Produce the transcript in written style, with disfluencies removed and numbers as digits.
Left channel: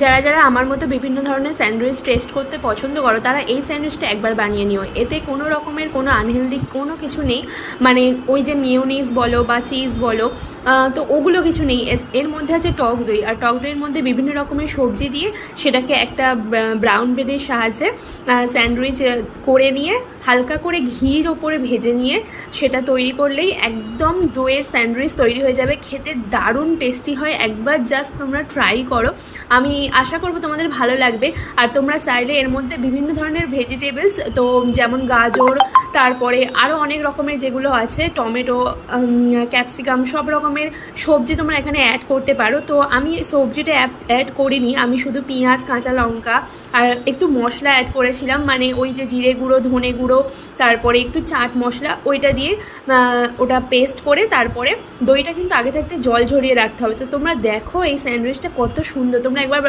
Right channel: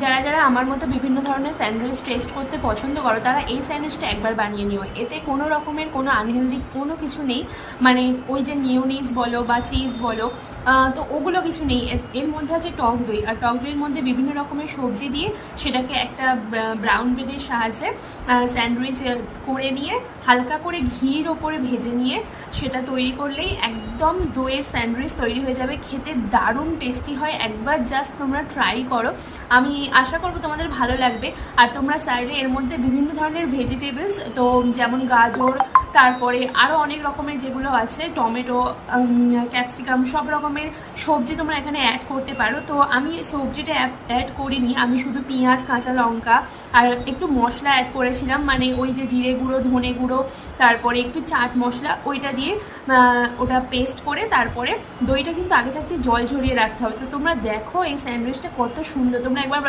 যারা যারা আমার মতো বিভিন্ন ধরনের স্যান্ডউইচ টেস্ট করতে পছন্দ করো, তারা এই স্যান্ডউইচটা একবার বানিয়ে নিও। এতে কোনো রকমের কোনো আনহেলদি কোনো কিছু নেই, মানে ওই যে মিওনিজ বলো বা চিজ বলো, তো ওগুলো কিছু নেই। এর মধ্যে আছে টক দই, আর টক দইয়ের মধ্যে বিভিন্ন রকমের সবজি দিয়ে সেটাকে একটা ব্রাউন ব্রেডের সাহায্যে স্যান্ডউইচ করে নিয়ে হালকা করে ঘির ওপরে ভেজে নিয়ে সেটা তৈরি করলেই একদম দইয়ের স্যান্ডউইচ তৈরি হয়ে যাবে। খেতে দারুণ টেস্টি হয়, একবার জাস্ট তোমরা ট্রাই করো, আমি আশা করবো তোমাদের ভালো লাগবে। আর তোমরা চাইলে এর মধ্যে বিভিন্ন ধরনের ভেজিটেবলস, তো যেমন গাজর, তারপরে আরও অনেক রকমের যেগুলো আছে, টমেটো, ক্যাপসিকাম, সব রকমের সবজি তোমরা এখানে অ্যাড করতে পারো। তো আমি সবজিটা অ্যাড করিনি, আমি শুধু পেঁয়াজ, কাঁচা লঙ্কা আর একটু মশলা অ্যাড করেছিলাম, মানে ওই যে জিরে গুঁড়ো, ধনে গুঁড়ো, তারপরে একটু চাট মশলা, ওইটা দিয়ে ওটা পেস্ট করে তারপরে দইটা কিন্তু আগে থাকতে জল ঝরিয়ে রাখতে হবে। তো তোমরা দেখো এই স্যান্ডউইচটা কত সুন্দর, তোমরা একবার